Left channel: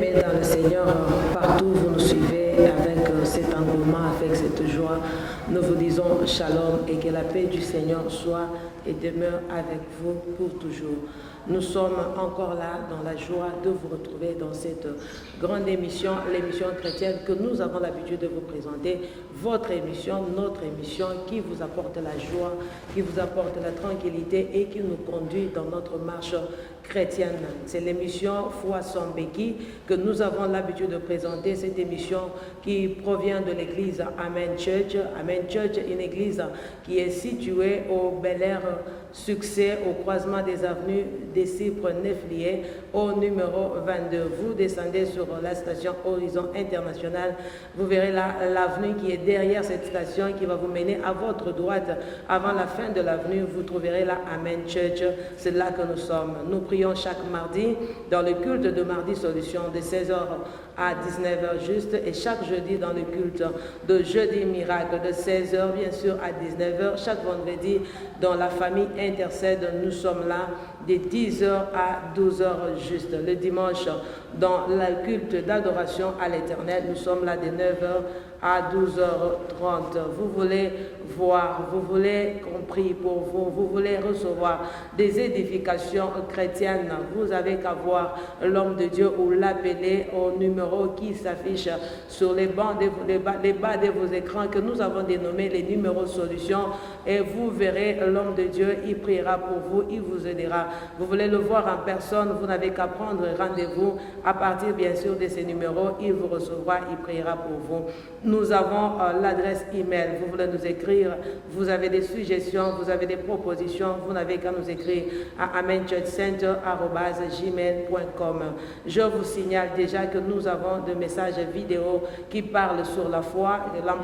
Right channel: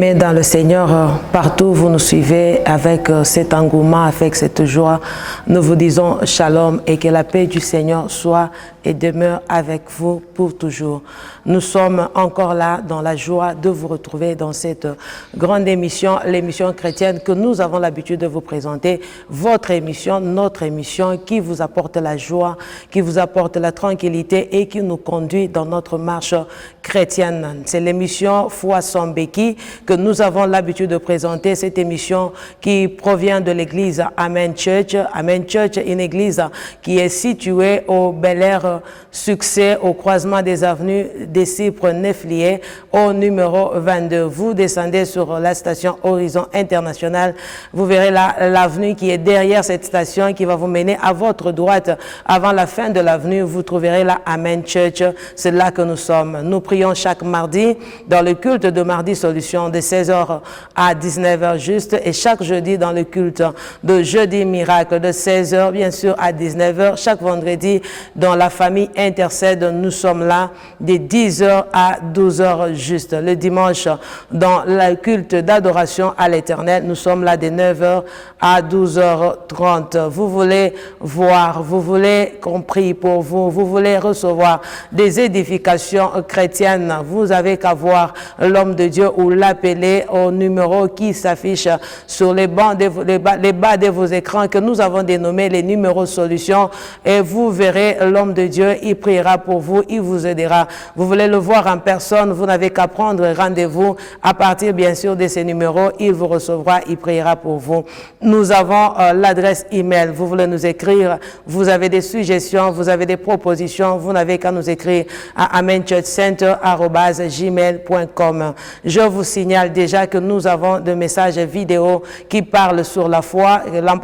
Bien-aimés dans le Seigneur, partout où vous nous suivez avec cet engouement, avec cette joie, nous vous disons shalom et que la paix du Seigneur soit et demeure avec vous pour toujours. Nous sommes encore là dans la joie de vous retrouver dans cette grande émission, l'émission chrétienne que nous avons l'habitude de vous présenter, votre émission, notre émission qui vous apporte la joie, qui vous apporte la tranquillité et qui nous conduit dans notre marche chrétienne. C'est l'émission Foi sans béquille que nous avons l'habitude de présenter, cette émission qui provient de l'église Amen Church. Amen Church, une église qui est située au Bel Air Succès, au croisement des avenues des Cypres Neflier, au numéro 22. Vous descendez sur la station Horizon International. Vous verrez l'avenue qui est derrière cette station qui va vous mener à votre droite. Avant la fin de l'avenue, vous trouverez la Amen Church. C'est là que nous sommes. Nous prions chaque mardi dans le culte de Mardi Solution de 16h à 19h juste et chaque jeudi dans le culte de Jeudi Miracle de 16h bien sûr à 19h. Chaque vendredi dans la famille Intercède, nous sommes là de 10h à 12h juste. Le dimanche, dans le culte d'adoration à l'Éternel, nous sommes là de 9h à 12h30. Vous voulez voir, vous voulez qu'on prie pour vous, vous voulez recevoir des édifications chrétiennes, vous avez qu'à voir l'homme de Dieu ou l'appeler au numéro qui s'affiche sur les bas de vos écrans que nous avons dénommé les numéros solutions et vous verrez l'homme de Dieu, il priera pour vous, il vous aidera. Vous voulez le voir en personne, vous n'avez qu'à prendre rendez-vous à partir bien sûr de ces numéros, il vous recevra, il priera pour vous. Nous avons l'adresse email, vous voulez nous écrire, vous avez des suggestions, vous avez des propositions, vous n'avez qu'à nous écrire à amenchurchcenter@gmail.com. Je vous signale déjà que nous avons des messages vidéo qui parlent sur la foi.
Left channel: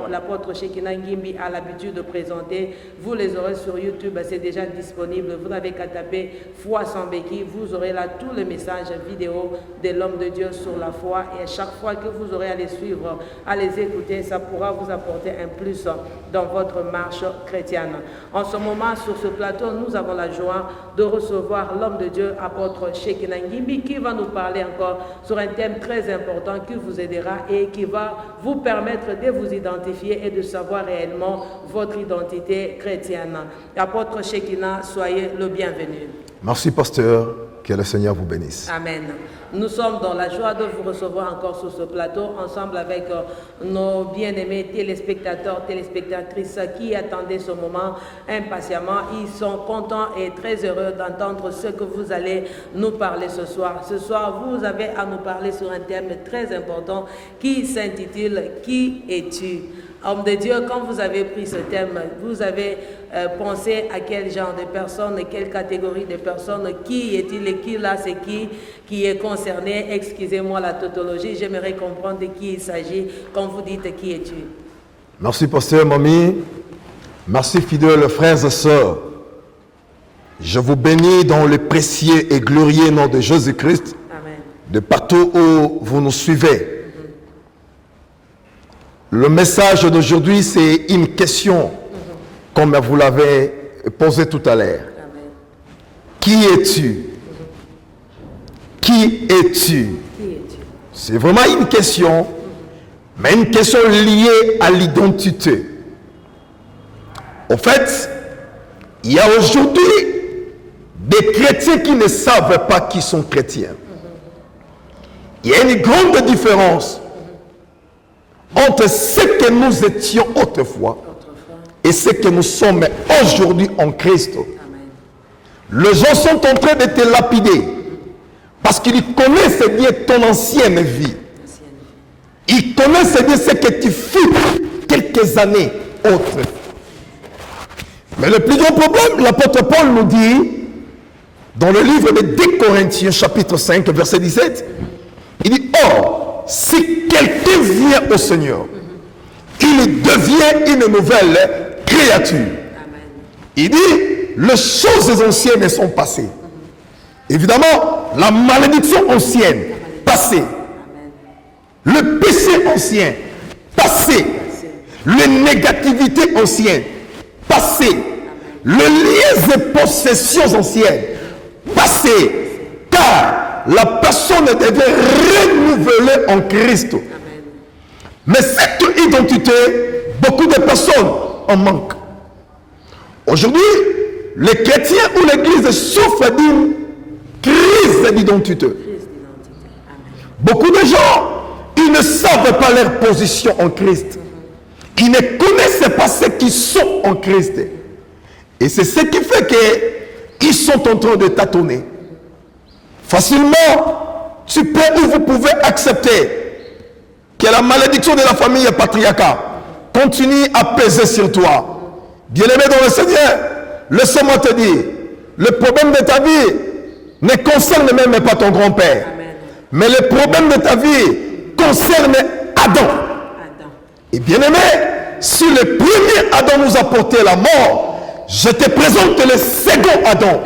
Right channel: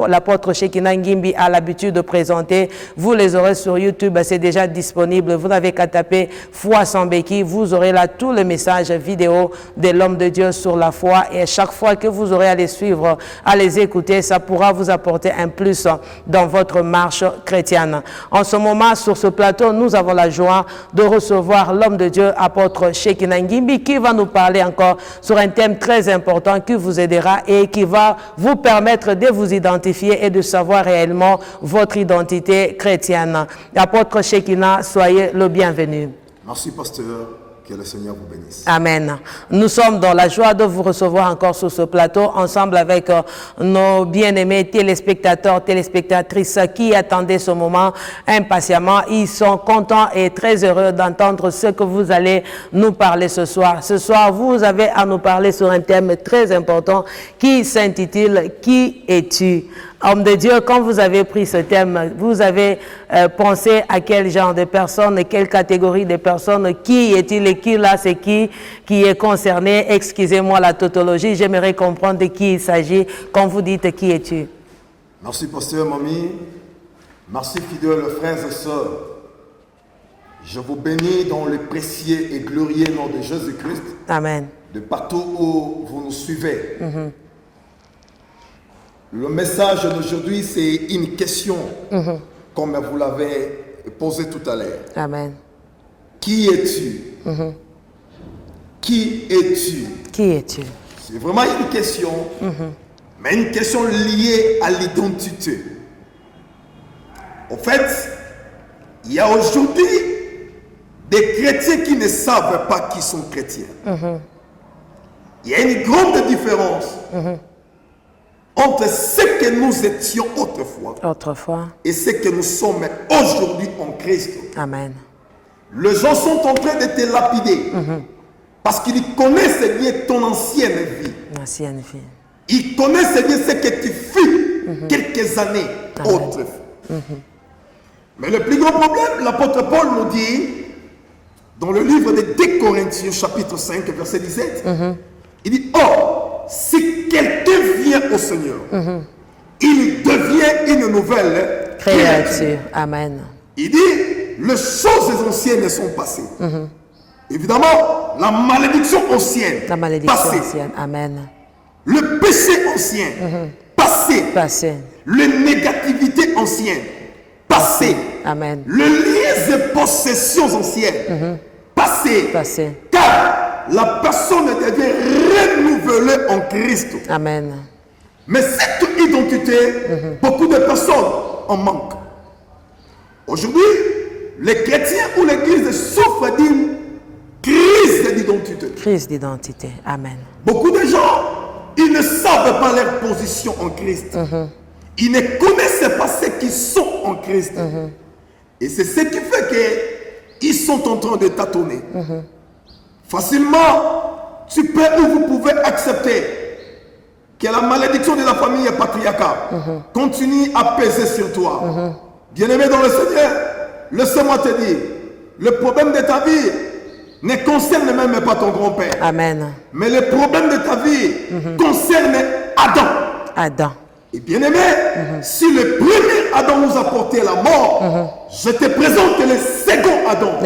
L'apôtre Shekina Ngimbi a l'habitude de présenter. Vous les aurez sur YouTube, c'est déjà disponible. Vous n'avez qu'à taper Foi sans béquille. Vous aurez là tous les messages vidéo de l'homme de Dieu sur la foi. Et à chaque fois que vous aurez à les suivre, à les écouter, ça pourra vous apporter un plus dans votre marche chrétienne. En ce moment, sur ce plateau, nous avons la joie de recevoir l'homme de Dieu, apôtre Shekina Ngimbi, qui va nous parler encore sur un thème très important qui vous aidera et qui va vous permettre de vous identifier et de savoir réellement votre identité chrétienne. Apôtre Shekina, soyez le bienvenu. Merci, pasteur. Que le Seigneur vous bénisse. Amen. Nous sommes dans la joie de vous recevoir encore sur ce plateau, ensemble avec nos bien-aimés téléspectateurs, téléspectatrices qui attendaient ce moment impatiemment. Ils sont contents et très heureux d'entendre ce que vous allez nous parler ce soir. Ce soir, vous avez à nous parler sur un thème très important qui s'intitule « Qui es-tu » Homme de Dieu, quand vous avez pris ce thème, vous avez pensé à quel genre de personnes, quelle catégorie de personnes, qui est-il et qui là, c'est qui est concerné? Excusez-moi la tautologie, j'aimerais comprendre de qui il s'agit quand vous dites qui es-tu. Merci, pasteur Mamie. Merci, fidèles frères et sœurs. Je vous bénis dans le précieux et glorieux nom de Jésus-Christ. Amen. De partout où vous nous suivez. Le message d'aujourd'hui, c'est une question, comme vous l'avez posé tout à l'heure. Amen. Qui es-tu? Qui es-tu? Qui es-tu? C'est vraiment une question, mais une question liée à l'identité. En fait, il y a aujourd'hui des chrétiens qui ne savent pas qui sont chrétiens. Il y a une grande différence entre ce que nous étions autrefois et ce que nous sommes aujourd'hui en Christ. Amen. Les gens sont en train de te lapider parce qu'ils connaissent bien ton ancienne vie. Ils connaissent bien ce que tu fus quelques années autres. Mais le plus grand problème, l'apôtre Paul nous dit dans le livre de 2 Corinthiens chapitre 5 verset 17, il dit « Or, si quelqu'un vient au Seigneur, il devient une nouvelle créature. » Amen. Il dit, les choses anciennes sont passées. Évidemment, la malédiction ancienne, passée. Amen. Le péché ancien, passé. La négativité ancienne, passé. Amen. Les liens et possessions anciennes, passé. Car la personne devient renouvelée en Christ. Amen. Mais cette identité, beaucoup de personnes en manquent. Aujourd'hui, les chrétiens ou l'Église souffrent d'une crise d'identité. Crise d'identité. Amen. Beaucoup de gens, ils ne savent pas leur position en Christ. Ils ne connaissent pas ceux qui sont en Christ. Et c'est ce qui fait qu'ils sont en train de tâtonner. Facilement, tu peux ou vous pouvez accepter que la malédiction de la famille patriarcale continue à peser sur toi. Bien-aimé dans le Seigneur, laisse-moi te dire, le problème de ta vie ne concerne même pas ton grand-père. Amen. Mais le problème de ta vie concerne Adam. Adam. Et bien-aimé, si le premier Adam nous a porté la mort, je te présente le second Adam,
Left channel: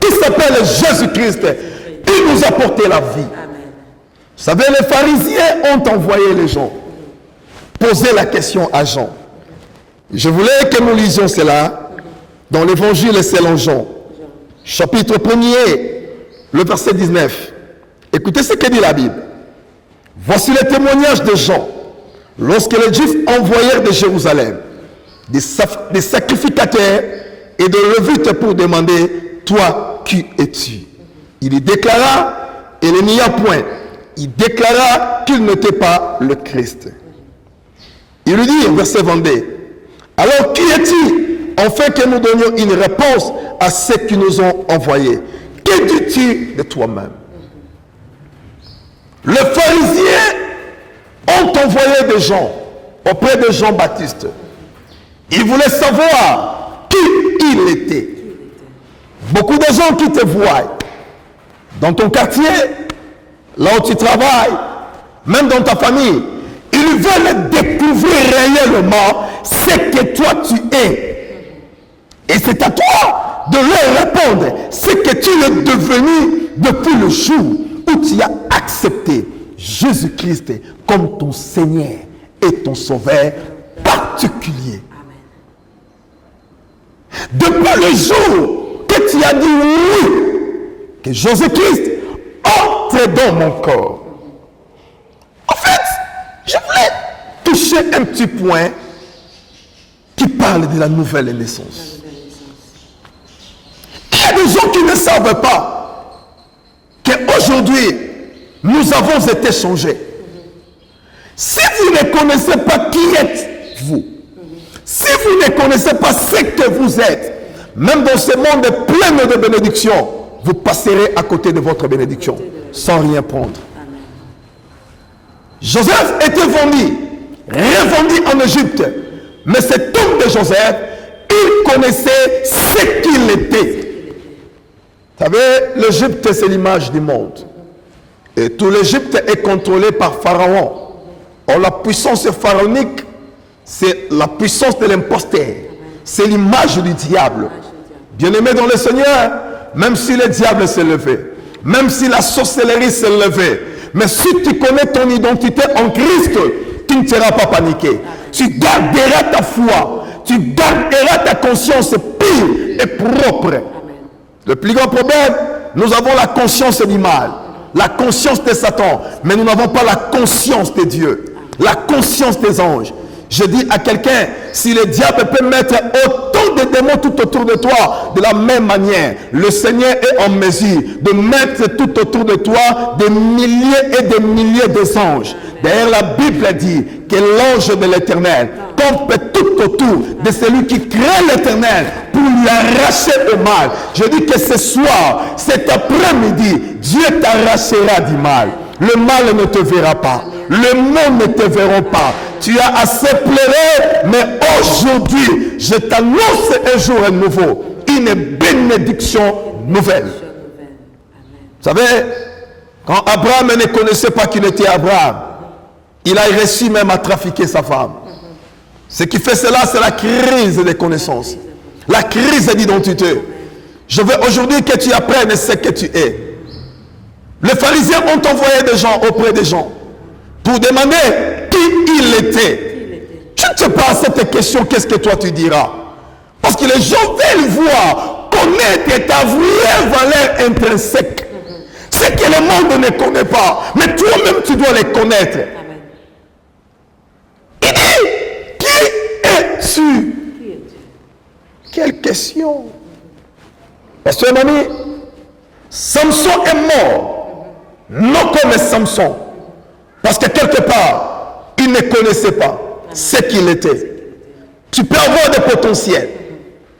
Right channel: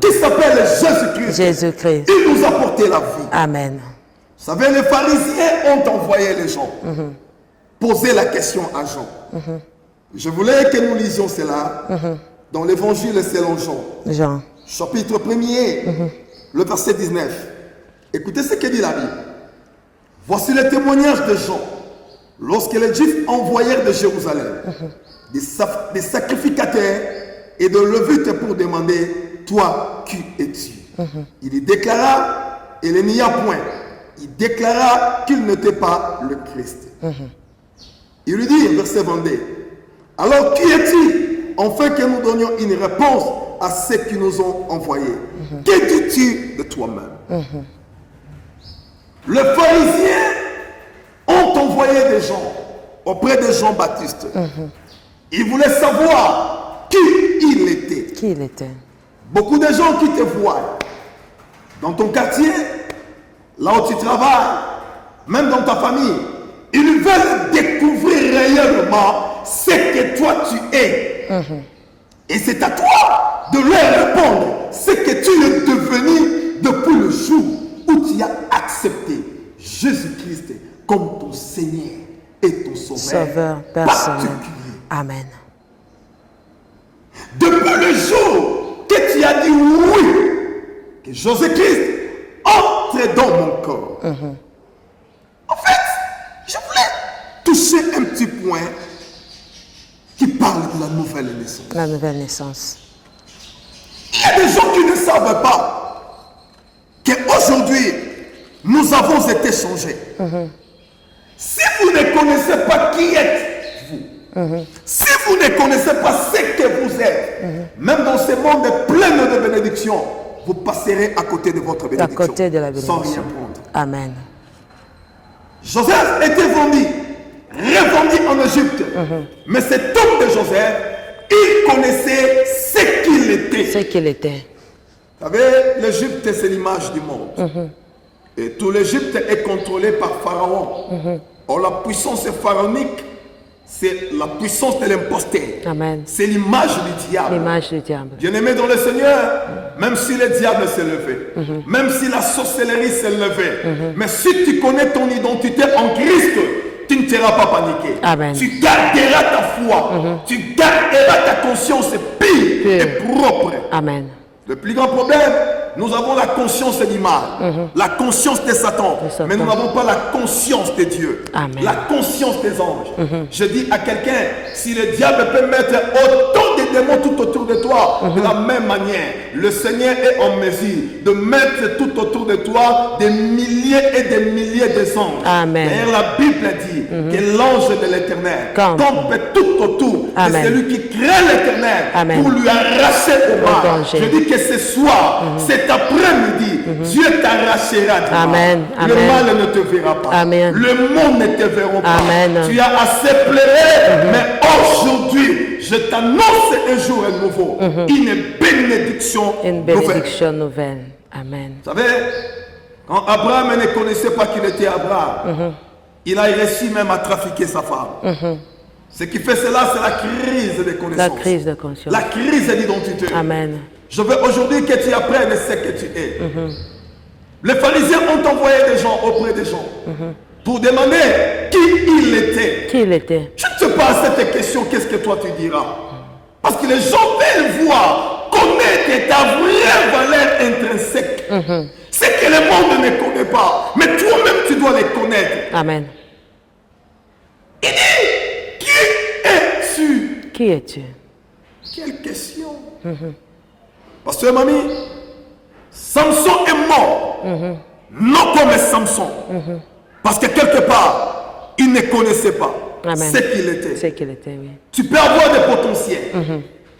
qui s'appelle Jésus-Christ. Il nous a porté la vie. Amen. Vous savez, les pharisiens ont envoyé les gens poser la question à Jean. Je voulais que nous lisions cela dans l'évangile selon Jean. Chapitre 1er, le verset 19. Écoutez ce que dit la Bible. Voici le témoignage de Jean. Lorsque les Juifs envoyèrent de Jérusalem des sacrificateurs et de Lévites pour demander, toi, qui es-tu? Il y déclara, et ne nia point, il déclara qu'il n'était pas le Christ. Il lui dit, verset 22, alors qui es-tu, afin que nous donnions une réponse à ceux qui nous ont envoyés? Que dis-tu de toi-même? Les pharisiens ont envoyé des gens auprès de Jean-Baptiste. Ils voulaient savoir qui il était. Qui il était. Beaucoup de gens qui te voient dans ton quartier, là où tu travailles, même dans ta famille, ils veulent découvrir réellement ce que toi tu es. Et c'est à toi de leur répondre ce que tu es devenu depuis le jour où tu as accepté Jésus-Christ comme ton Seigneur et ton Sauveur particulier. Amen. Depuis le jour que tu as dit oui, que Jésus-Christ entre dans mon corps. En fait, je voulais toucher un petit point qui parle de la nouvelle naissance. La nouvelle naissance. Il y a des gens qui ne savent pas qu'aujourd'hui, nous avons été changés. Si vous ne connaissez pas qui êtes-vous, si vous ne connaissez pas ce que vous êtes, même dans ce monde plein de bénédictions, vous passerez à côté de votre bénédiction sans rien prendre. Amen. Joseph était vendu, revendu en Égypte. Mais cet homme de Joseph, il connaissait ce qu'il était. Ce qu'il était. Vous savez, l'Égypte, c'est l'image du monde. Et tout l'Égypte est contrôlé par Pharaon. Or, la puissance pharaonique, c'est la puissance de l'imposteur. C'est l'image du diable. Bien-aimé dans le Seigneur, même si le diable s'est levé, même si la sorcellerie s'est levée, mais si tu connais ton identité en Christ, tu ne seras pas paniqué. Amen. Tu garderas ta foi, tu garderas ta conscience pure et propre. Amen. Le plus grand problème, nous avons la conscience du mal, la conscience de Satan, mais nous n'avons pas la conscience de Dieu, la conscience des anges. Je dis à quelqu'un, si le diable peut mettre autant de démons tout autour de toi, de la même manière, le Seigneur est en mesure de mettre tout autour de toi des milliers et des milliers d'anges. D'ailleurs, la Bible dit que l'ange de l'Éternel tombe tout autour de celui qui crée l'Éternel pour lui arracher le mal. Je dis que ce soir, cet après-midi, Dieu t'arrachera du mal. Le mal ne te verra pas. Le monde ne te verra pas. Tu as assez pleuré, mais aujourd'hui, je t'annonce un jour nouveau. Une bénédiction nouvelle. Amen. Vous savez, quand Abraham ne connaissait pas qu'il était Abraham, il a réussi même à trafiquer sa femme. Ce qui fait cela, c'est la crise de connaissance. La crise d'identité. Amen. Je veux aujourd'hui que tu apprennes ce que tu es. Les pharisiens ont envoyé des gens auprès des gens pour demander qui il était. Qui il était. Je ne sais pas cette question, qu'est-ce que toi tu diras? Parce que les gens veulent voir, connaître ta vraie valeur intrinsèque. Ce que le monde ne connaît pas. Mais toi-même, tu dois les connaître. Amen. Il dit, qui es-tu? Qui es-tu? Quelle question. Pasteur Mami, Samson est mort. Non comme Samson. Parce que quelque part, il ne connaissait pas ce qu'il était. Oui. Tu peux avoir des potentiels.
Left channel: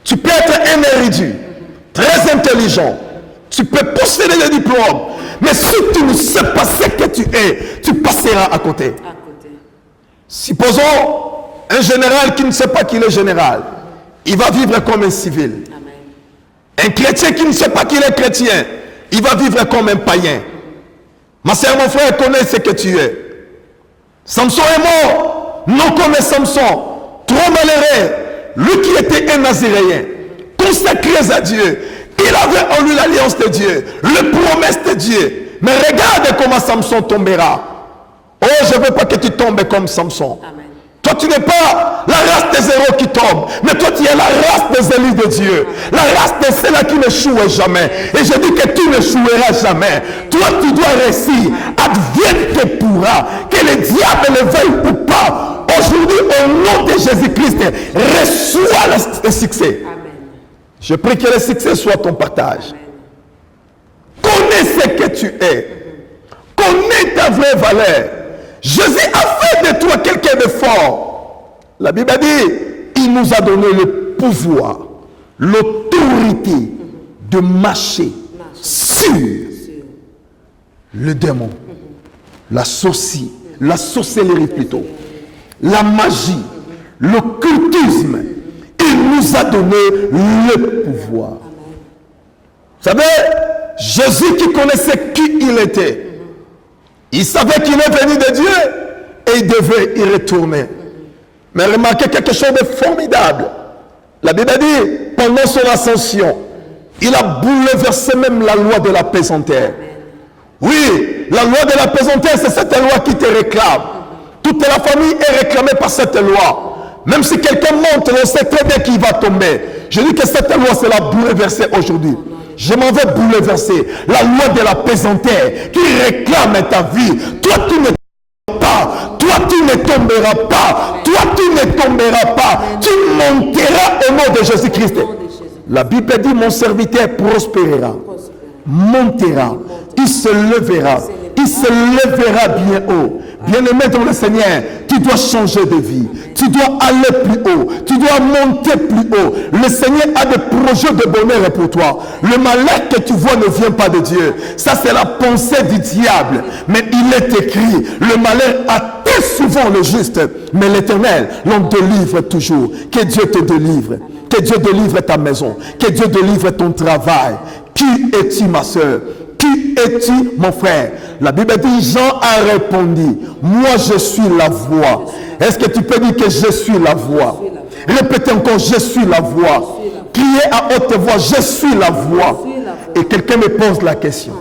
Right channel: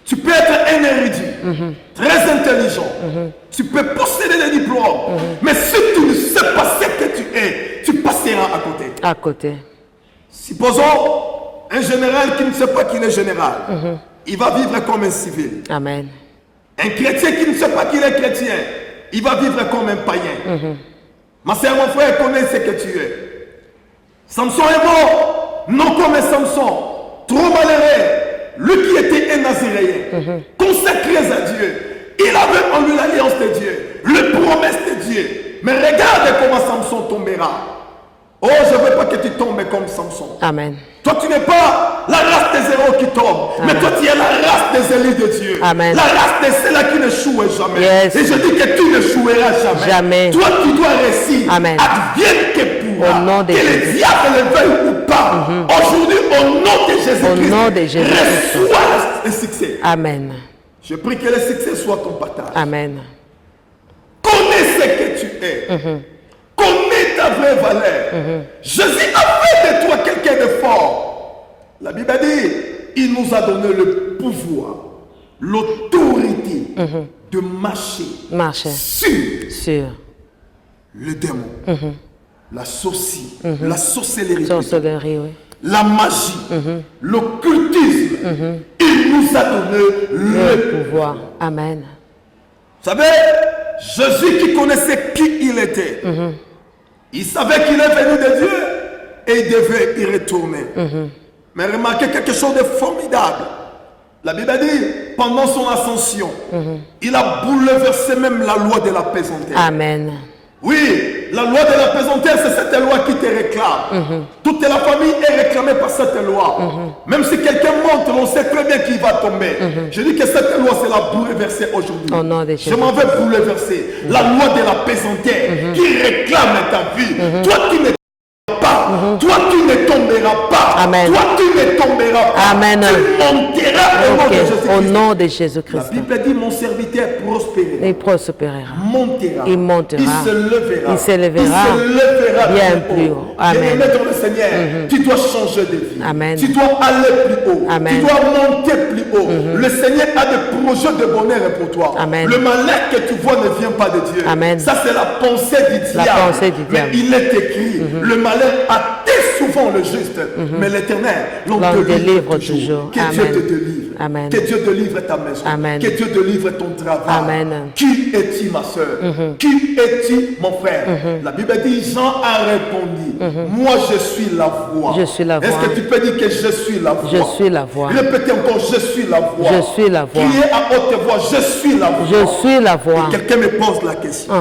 Tu peux être un érudit, très intelligent. Tu peux posséder des diplômes. Mais si tu ne sais pas ce que tu es, tu passeras à côté. À côté. Supposons un général qui ne sait pas qu'il est général. Il va vivre comme un civil. Amen. Un chrétien qui ne sait pas qu'il est chrétien, il va vivre comme un païen. Ma soeur, mon frère, connaît ce que tu es. Samson est mort, non comme Samson, trop malheureux. Lui qui était un Nazaréen, consacré à Dieu, il avait en lui l'alliance de Dieu, les promesses de Dieu. Mais regarde comment Samson tombera. Oh, je ne veux pas que tu tombes comme Samson. Amen. Toi, tu n'es pas la race des héros qui tombent, mais toi, tu es la race des élus de Dieu. Amen. La race de ceux-là qui n'échouent jamais. Yes. Et je dis que tu n'échoueras jamais. Jamais. Toi, tu dois réussir. Amen. Advienne que pourra. Au nom de Que le diable ne veuille ou pas. Aujourd'hui, au nom de Jésus-Christ, reçois le succès. Amen. Je prie que le succès soit ton partage. Amen. Connais ce que tu es. Connais ta vraie valeur. Jésus a fait de toi quelqu'un de fort. La Bible dit, il nous a donné le pouvoir, l'autorité de marcher sur le démon, la sorcellerie, plutôt, la magie, l'occultisme. Il nous a donné le pouvoir. Amen. Vous savez, Jésus qui connaissait qui il était, il savait qu'il est venu de Dieu et il devait y retourner. Mais remarquez quelque chose de formidable. La Bible dit, pendant son ascension, il a bouleversé même la loi de la pesanteur. Amen. Oui, la loi de la pesanteur, c'est cette loi qui te réclame. Toute la famille est réclamée par cette loi. Même si quelqu'un monte, on sait très bien qu'il va tomber. Je dis que cette loi, c'est la bouleverser aujourd'hui. Je m'en vais bouleverser la loi de la pesanteur qui réclame ta vie. Toi, tu ne tomberas pas. Toi, tu ne tomberas pas. Amen. Toi, tu ne tomberas pas. Amen. Tu monteras au nom de Jésus-Christ. Au nom de Jésus-Christ. La Bible dit, mon serviteur prospérera. Il prospérera. Montera. Il montera. Il se levera. Il s'élèvera. Il se lèvera bien haut. Amen. Bien-aimé dans le Seigneur, tu dois changer de vie. Amen. Tu dois aller plus haut. Amen. Tu dois monter plus haut. Le Seigneur a des projets de bonheur pour toi. Amen. Le malheur que tu vois ne vient pas de Dieu. Amen. Ça, c'est la pensée du diable. pensée du Mais diable. il est écrit, le malheur atteint souvent le juste, mais l'Éternel l'en délivre toujours. Que Amen. Dieu te délivre. Amen. Que Dieu délivre ta maison. Amen. Que Dieu délivre ton travail. Amen. Qui es-tu, ma soeur? Qui es-tu, mon frère? La Bible dit, Jean a répondu, moi je suis la voix. Je suis la voix. Est-ce que tu peux dire que je suis la voix? Je suis la voix. Répète encore, je suis la voix. Je suis la voix. Qui est à haute voix? Je suis la voix. Je suis la voix. Et quelqu'un me pose la question.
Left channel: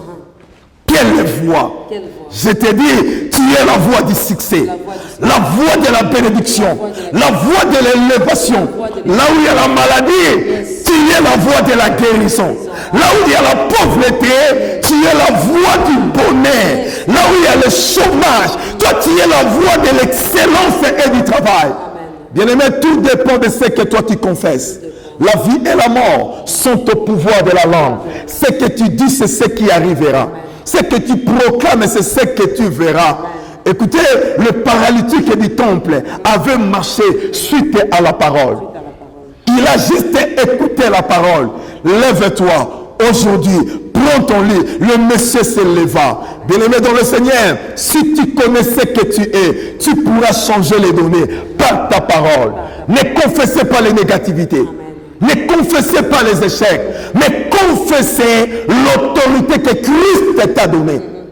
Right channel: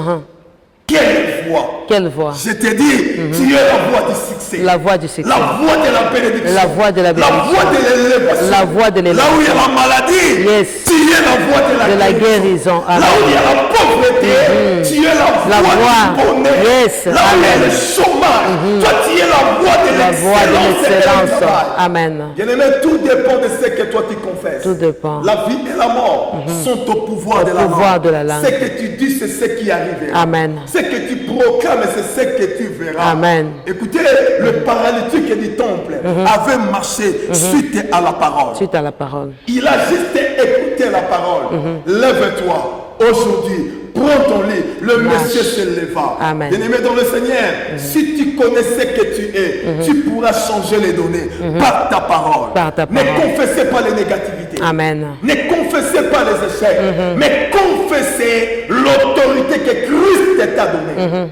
Quelle voix? Quelle voix? Je te dis, tu es la voix du succès. La voix du succès. La voix de la bénédiction. La voix de la La voix de l'élévation. La voix de Là où il y a la maladie, Yes. tu es la voix de la guérison. Là où il y a la pauvreté, tu es la voix du bonheur. Yes. Là où il y a le chômage, toi tu es la voix de l'excellence et du travail. Amen. Bien-aimé, tout dépend de ce que toi tu confesses. Tout dépend. La vie et la mort sont au pouvoir de la langue. de la langue. Ce que tu dis, c'est ce qui arrivera. Amen. Ce que tu proclames, c'est ce que tu verras. Amen. Écoutez, le paralytique du temple avait marché suite à la parole. Suite à la parole. Il a juste écouté la parole. Lève-toi. Aujourd'hui, prends ton lit. Le monsieur se leva. Amen. Bien-aimé dans le Seigneur, si tu connais ce que tu es, tu pourras changer les données par ta parole. Par ta Ne parole. confessez pas les négativités. Amen. Ne confessez pas les échecs. Mais confessez l'autorité que Christ t'a donnée.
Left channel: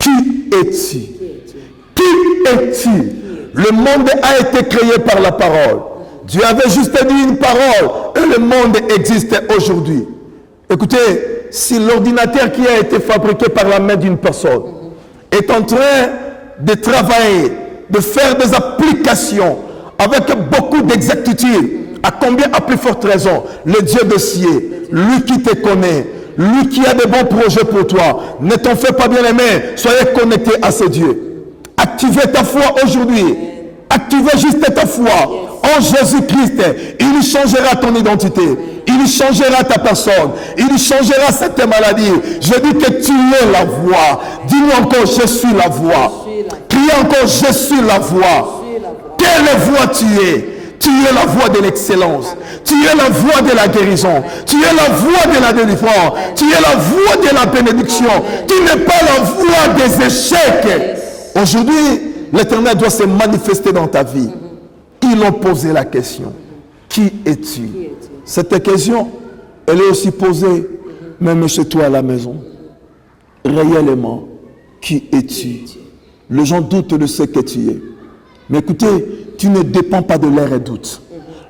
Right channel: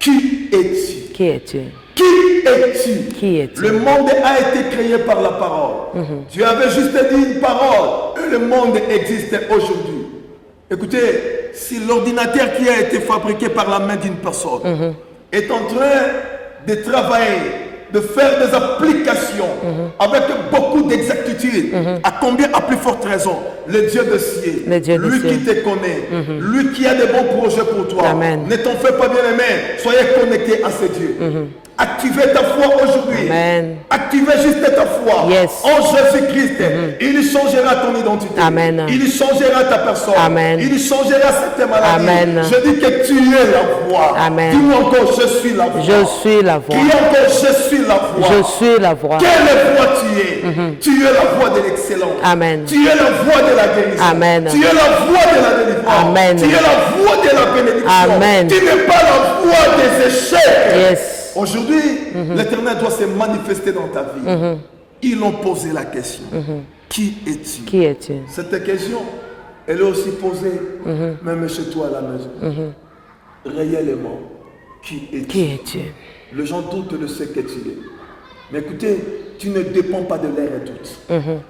Qui es-tu? Qui es-tu? Qui es-tu? Qui es-tu? Le monde a été créé par la parole. Dieu avait juste dit une parole et le monde existe aujourd'hui. Écoutez, si l'ordinateur qui a été fabriqué par la main d'une personne est en train de travailler, de faire des applications avec beaucoup d'exactitude. À combien, à plus forte raison, le Dieu de ciel, lui qui te connaît, lui qui a de bons projets pour toi. Amen. Ne t'en fais pas bien aimer, soyez connectés à ce Dieu. Activez ta foi aujourd'hui. Activez juste ta foi en Jésus-Christ. Il changera ton identité. Amen. Il changera ta personne. Amen. Il changera cette maladie. Amen. Je dis que tu es la voix. Dis-moi encore, je suis la voix. Je suis la voix. Crie encore, je suis la voix. Je suis la voix. Quelle voix tu es? Tu es la voix de l'excellence. Amen. Tu es la voix de la guérison. Amen. Tu es la voix de la délivrance. Amen. Tu es la voix de la bénédiction. Amen. Tu n'es pas la voix des échecs. Yes. Aujourd'hui, l'Éternel doit se manifester dans ta vie. Ils ont posé la question. Qui es-tu? Qui es-tu? Cette question, elle est aussi posée même chez toi à la maison. Réellement, qui es-tu? Qui es-tu? Les gens doutent de ce que tu es. Mais écoutez, tu ne dépends pas de leur doute.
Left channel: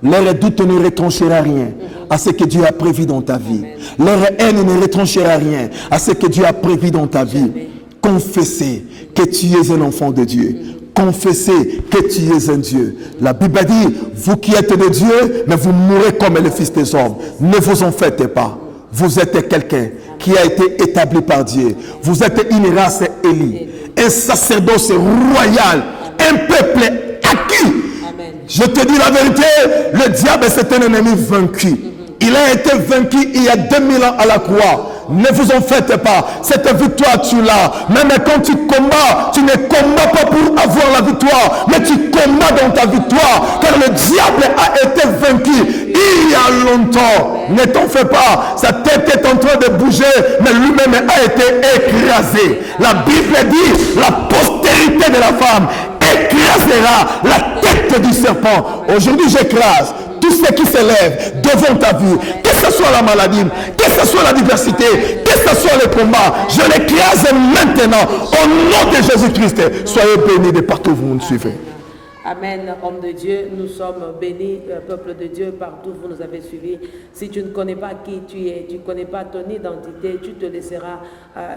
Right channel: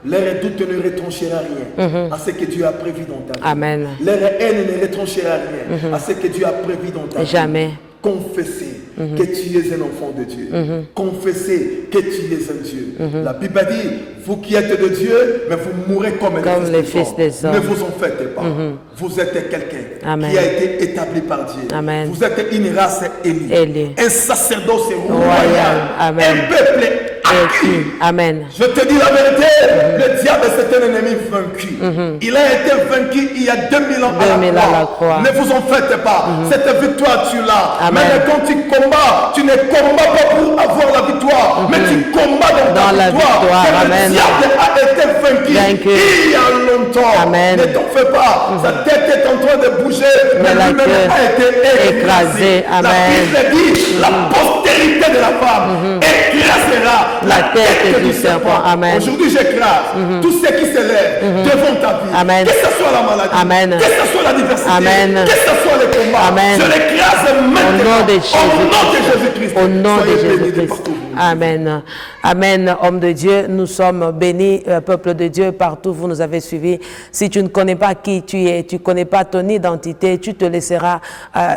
Leur doute ne retranchera rien à ce que Dieu a prévu dans ta vie. Amen. Leur haine ne retranchera rien à ce que Dieu a prévu dans ta Jamais. vie. Confessez que tu es un enfant de Dieu. Confessez que tu es un Dieu. La Bible dit, vous qui êtes de Dieu, mais vous mourrez comme les fils des hommes. Ne vous en faites pas. Vous êtes quelqu'un qui a été établi par Dieu. Amen. Vous êtes une race élie, un sacerdoce royal, Amen. un peuple acquis. Amen. Je te dis la vérité, le diable c'est un ennemi vaincu. Il a été vaincu il y a 2000 ans à la croix. Ne vous en faites pas. Cette victoire tu l'as. Même quand tu combats, tu ne combats pas pour avoir la victoire, mais tu combats dans ta victoire. Car le diable a été vaincu il y a longtemps. Amen. Ne t'en fais pas. Sa tête est en train de bouger, mais lui-même a été écrasé. La Bible dit, la postérité de la femme écrasera la tête du serpent. Aujourd'hui, j'écrase tout ce qui s'élève devant ta vie. Amen. Que ce soit la maladie, Amen. que ce soit la diversité, Amen. que ce soit le combat. Amen. Je l'écrase maintenant au nom de Jésus-Christ. Soyez bénis de partout où vous nous suivez. Amen. Amen, homme de Dieu, nous sommes bénis, peuple de Dieu, partout vous nous avez suivis. Si tu ne connais pas qui tu es, tu ne connais pas ton identité, tu te laisseras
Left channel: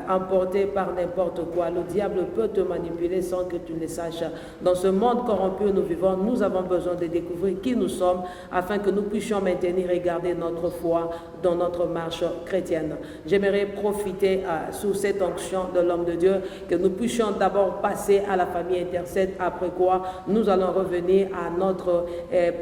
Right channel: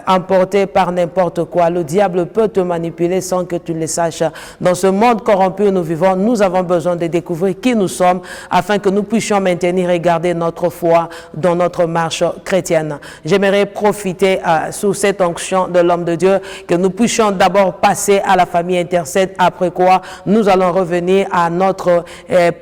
emporter par n'importe quoi. Le diable peut te manipuler sans que tu le saches. Dans ce monde corrompu où nous vivons, nous avons besoin de découvrir qui nous sommes afin que nous puissions maintenir et garder notre foi dans notre marche chrétienne. J'aimerais profiter sous cette onction de l'homme de Dieu, que nous puissions d'abord passer à la famille intercède, après quoi nous allons revenir à notre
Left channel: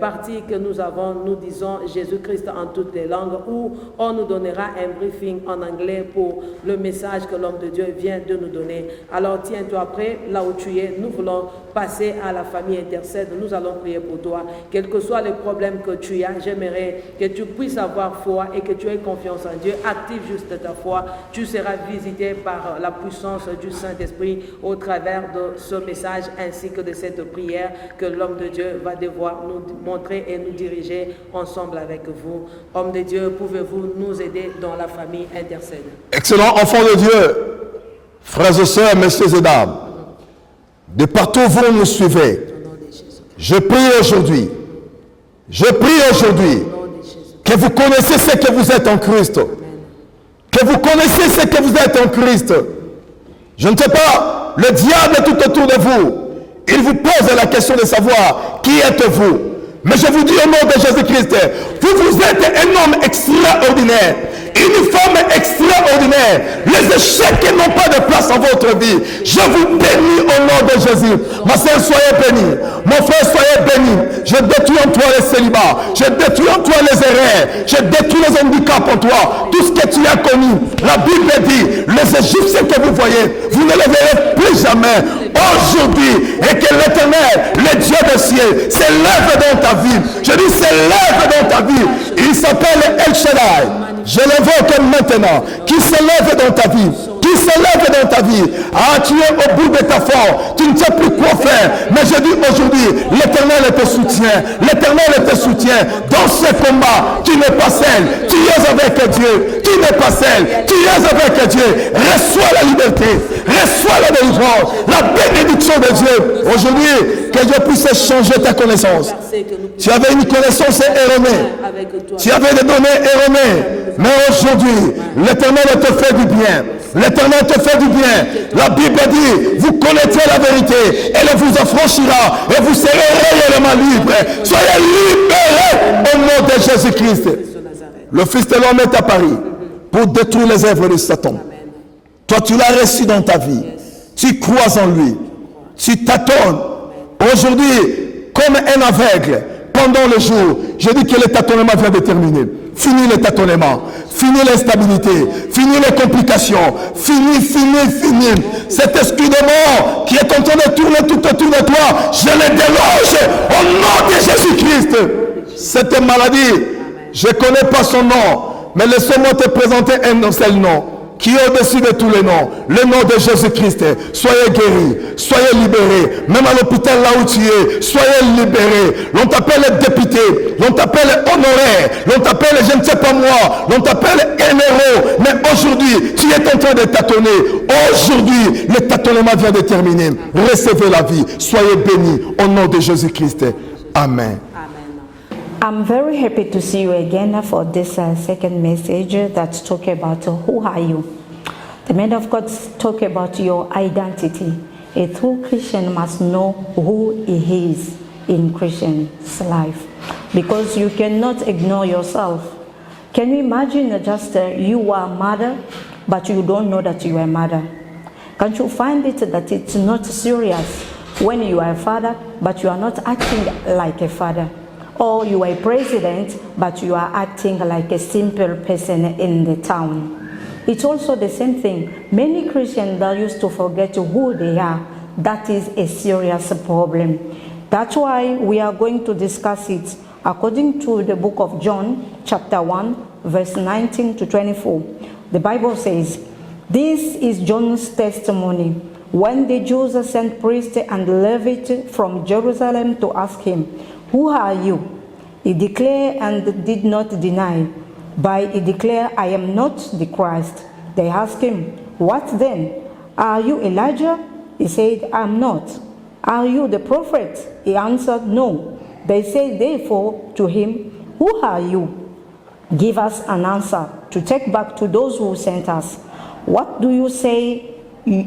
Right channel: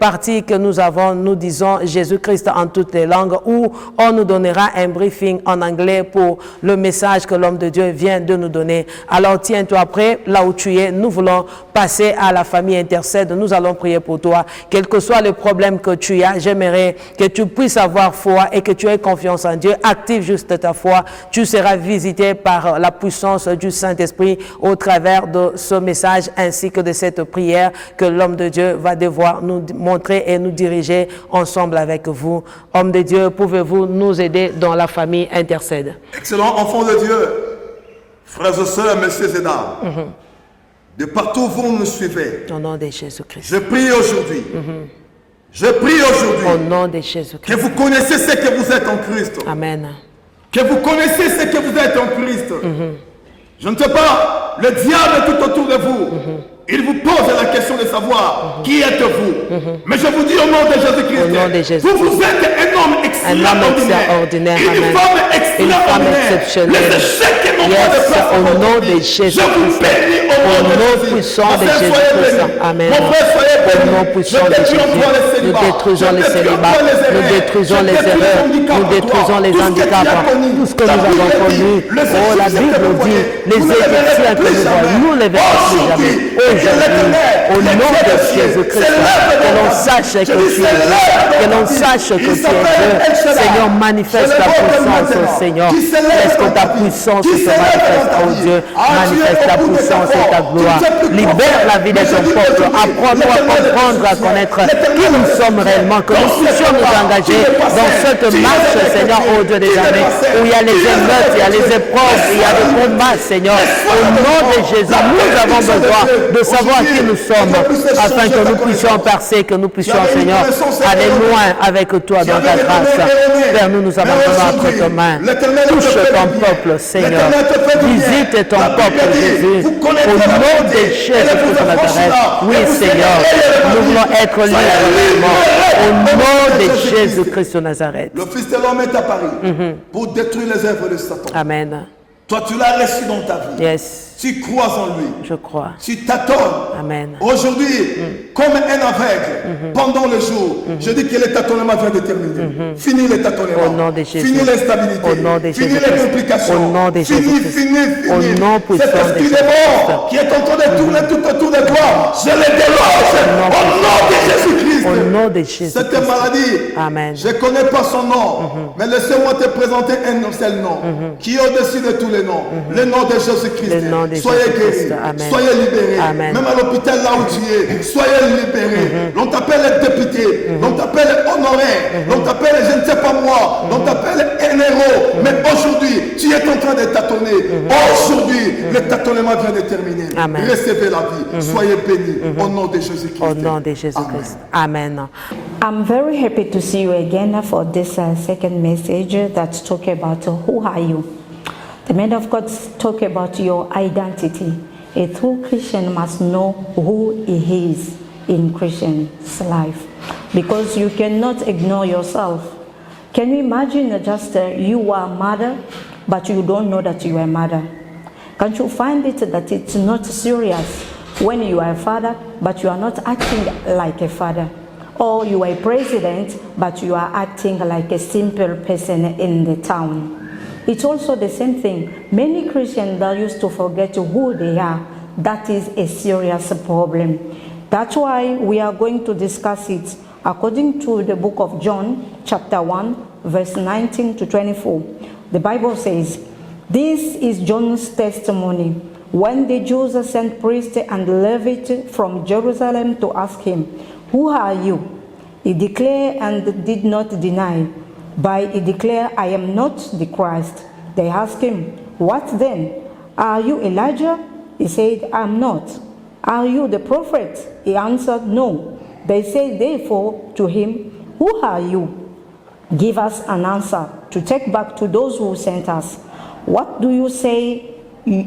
partie que nous avons, nous disons Jésus-Christ en toutes les langues, où on nous donnera un briefing en anglais pour le message que l'homme de Dieu vient de nous donner. Alors tiens-toi prêt, là où tu es, nous voulons passer à la famille intercède, nous allons prier pour toi. Quel que soit le problème que tu as, j'aimerais que tu puisses avoir foi et que tu aies confiance en Dieu. Active juste ta foi, tu seras visité par la puissance du Saint-Esprit au travers de ce message ainsi que de cette prière que l'homme de Dieu va devoir nous montrer et nous diriger ensemble avec vous. Homme de Dieu, pouvez-vous nous aider dans la famille intercède? Excellent enfant de Dieu, frères et sœurs, messieurs et dames, de partout où vous nous suivez, Au nom de Jésus-Christ. je prie aujourd'hui, je prie aujourd'hui Au nom de Jésus-Christ. que vous connaissez ce que vous êtes en Christ, Amen. que vous connaissez ce que vous êtes en Christ. Je ne sais pas, le diable est tout autour de vous. Il vous pose la question de savoir qui êtes-vous. Mais je vous dis au nom de Jésus-Christ, vous êtes un homme extraordinaire, une femme extraordinaire. Les échecs n'ont pas de place en votre vie. Je vous bénis au nom de Jésus. Ma sœur, soyez bénie. Mon frère, soyez béni. Je détruis en toi les célibats. Je détruis en toi les erreurs. Je détruis les handicaps en toi. Tout ce que tu as connu. La Bible dit, les Égyptiens que vous voyez, vous ne les verrez plus jamais. Aujourd'hui, et que l'Éternel, le Dieu des cieux, s'élève dans ta vie. Je dis s'élève dans ta vie. Il s'appelle El Shaddai. Je l'invoque maintenant. Qui s'élève dans ta vie. Qui s'élève dans ta vie. Ah, tu es au bout de ta force. Tu ne sais plus quoi faire. Mais je dis aujourd'hui, l'Éternel te soutient. L'Éternel te soutient. Dans ce combat, tu n'es pas seul. Tu es avec Dieu. Tu n'es pas seul. Tu es avec Dieu. Reçois la liberté. Reçois la délivrance. La bénédiction de Dieu. Aujourd'hui, que Dieu puisse changer ta connaissance. Tu avais une connaissance erronée. Tu avais des domaines erronés. Mais aujourd'hui, l'Éternel te fait du bien. bien. L'Éternel te fait du bien. La Bible dit, vous connaîtrez la vérité, elle vous affranchira, et vous serez réellement libres. Soyez libres au nom de Jésus-Christ. Le Fils de l'homme est apparu pour détruire les œuvres de Satan. Amen. Toi, tu l'as reçu dans ta vie. Yes. Tu crois en lui. Je crois. Tu t'attends. Amen. Aujourd'hui, comme un aveugle, pendant le jour, je dis que le tâtonnement vient de terminer. Fini le tâtonnement. Fini l'instabilité. Fini les complications. Fini. Cet esprit de mort qui est en train de tourner tout autour de toi, je le déloge au nom de Jésus-Christ. Cette maladie, Amen. je ne connais pas son nom, mais laissez-moi te présenter un seul nom qui est au-dessus de tous les noms. Le nom de Jésus-Christ. Soyez guéris, soyez libérés. Amen. Même à l'hôpital là où tu es, soyez libérés. L'on t'appelle député, l'on t'appelle honoraire, l'on t'appelle je ne sais pas moi, l'on t'appelle un héros. Mais aujourd'hui, tu es en train de tâtonner. Aujourd'hui, le tâtonnement vient de terminer. Amen. Recevez la vie. Soyez bénis au nom de Jésus-Christ. Amen. Amen. I'm very happy to see you again for this second message that's talking about who are you. The man of God talk about your identity. A true Christian must know who he is in Christian's life, because you cannot ignore yourself. Can you imagine just you are a mother, but you don't know that you are a mother? Can't you find it that it's not serious when you are a father, but you are not acting like a father? Or you are a president, but you are acting like a simple person in the town. It's also the same thing. Many Christians that used to forget who they are. That is a serious problem. That's why we are going to discuss it according to the book of John, chapter 1, verse 19 to 24. The Bible says, "This is John's testimony. When the Jews sent priests and Levites from Jerusalem to ask him, 'Who are you?' He declared and did not deny. But he declared, 'I am not the Christ.' They asked him, 'What then? Are you Elijah?' He said, 'I am not.' 'Are you the prophet?' He answered, 'No.' They said therefore to him, 'Who are you? Give us an answer to take back to those who sent us. What do you say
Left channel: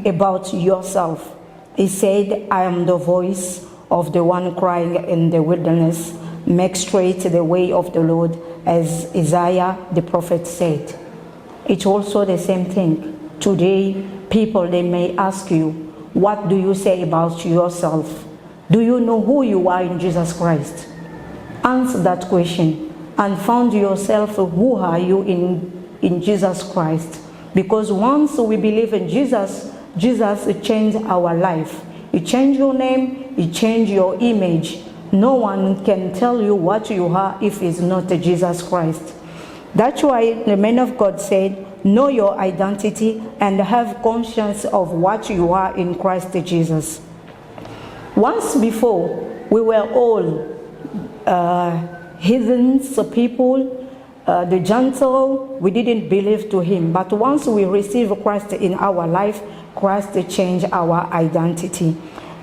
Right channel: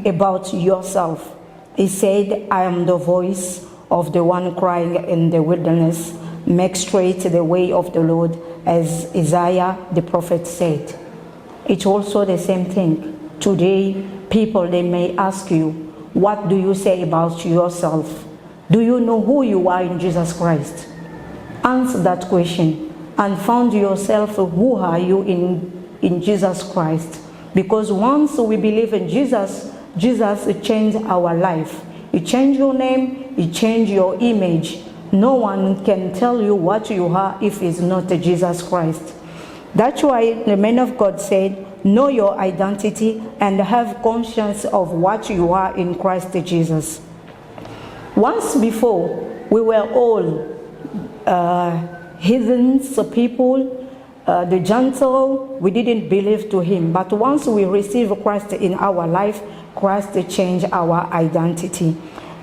about yourself?' He said, 'I am the voice of the one crying in the wilderness, make straight the way of the Lord, as Isaiah the prophet said.'" It's also the same thing. Today, people, they may ask you, what do you say about yourself? Do you know who you are in Jesus Christ? Answer that question and find yourself, who are you in Jesus Christ? Because once we believe in Jesus, Jesus changed our life. He changed your name, He changed your image. No one can tell you what you are if it's not Jesus Christ. That's why the man of God said, know your identity and have conscience of what you are in Christ Jesus. Once before, we were all heathens people, the gentle, we didn't believe to him. But once we receive Christ in our life, Christ changed our identity.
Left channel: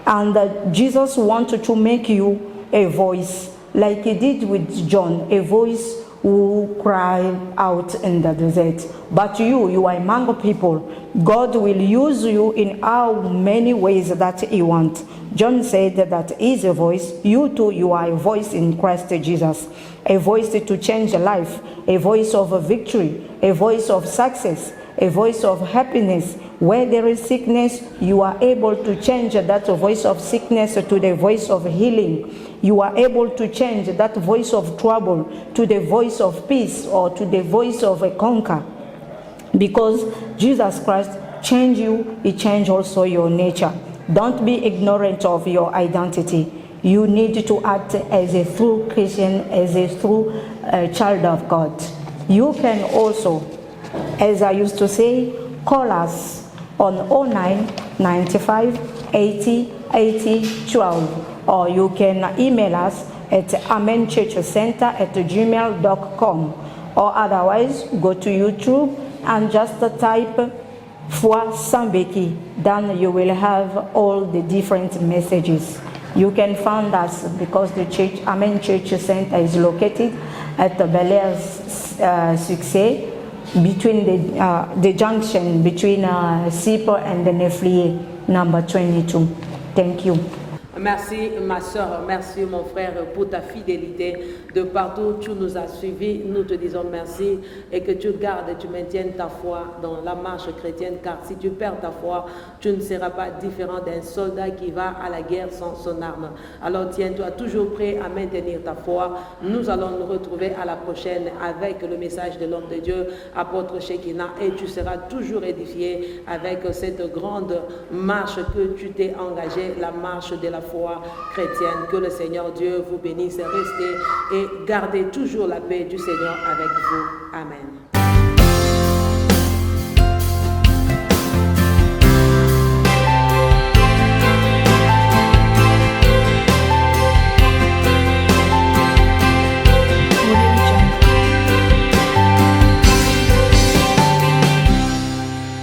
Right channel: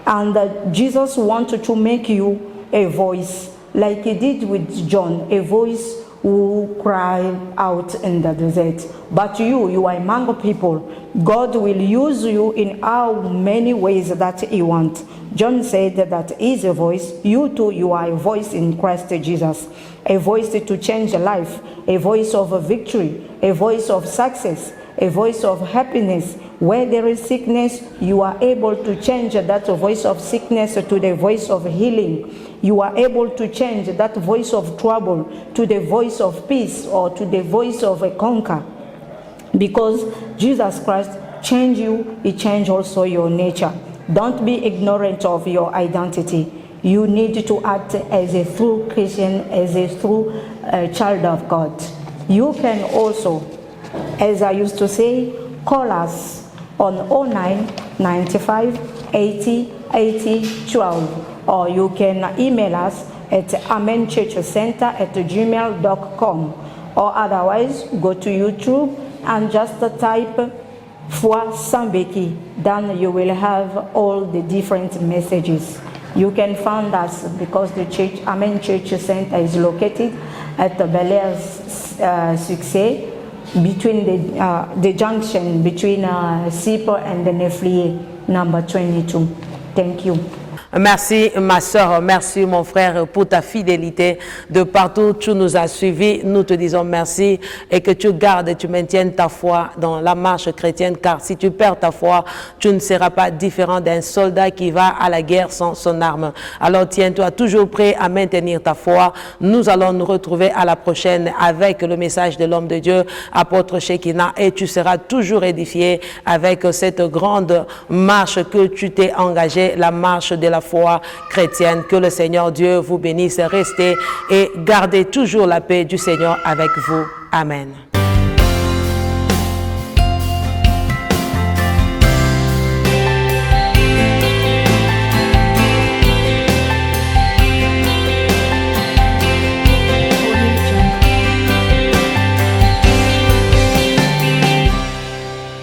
And Jesus wanted to make you a voice, like he did with John, a voice who cried out in the desert. But you are among people. God will use you in how many ways that he wants. John said that he is a voice. You too, you are a voice in Christ Jesus. A voice to change life, a voice of victory, a voice of success, a voice of happiness. Where there is sickness, you are able to change that voice of sickness to the voice of healing. You are able to change that voice of trouble to the voice of peace, or to the voice of a conquer. Because Jesus Christ changed you, he changed also your nature. Don't be ignorant of your identity. You need to act as a true Christian, as a true child of God. You can also, as I used to say, call us on 09 95 80 80 12, or you can email us at amenchurchcenter@gmail.com, or otherwise go to YouTube and just type Foi Sambeki. Then you will have all the different messages. You can find us because the church, Amen Church Center, is located at the Bel Air Succès, between the junction between Sipo and the Nefli number 22. Thank you. Merci ma soeur, merci mon frère pour ta fidélité. De partout tu nous as suivis, nous te disons merci et que tu gardes et tu maintiennes ta foi dans la marche chrétienne, car si tu perds ta foi, tu ne seras pas différent d'un soldat qui va à la guerre sans son arme. Alors tiens-toi toujours prêt à maintenir ta foi. Nous allons nous retrouver à la prochaine avec le message de l'homme de Dieu, apôtre Shekinah, et tu seras toujours édifié avec cette grande marche que tu t'es engagé, la marche de la foi chrétienne. Que le Seigneur Dieu vous bénisse. Restez et gardez toujours la paix du Seigneur avec vous. Amen.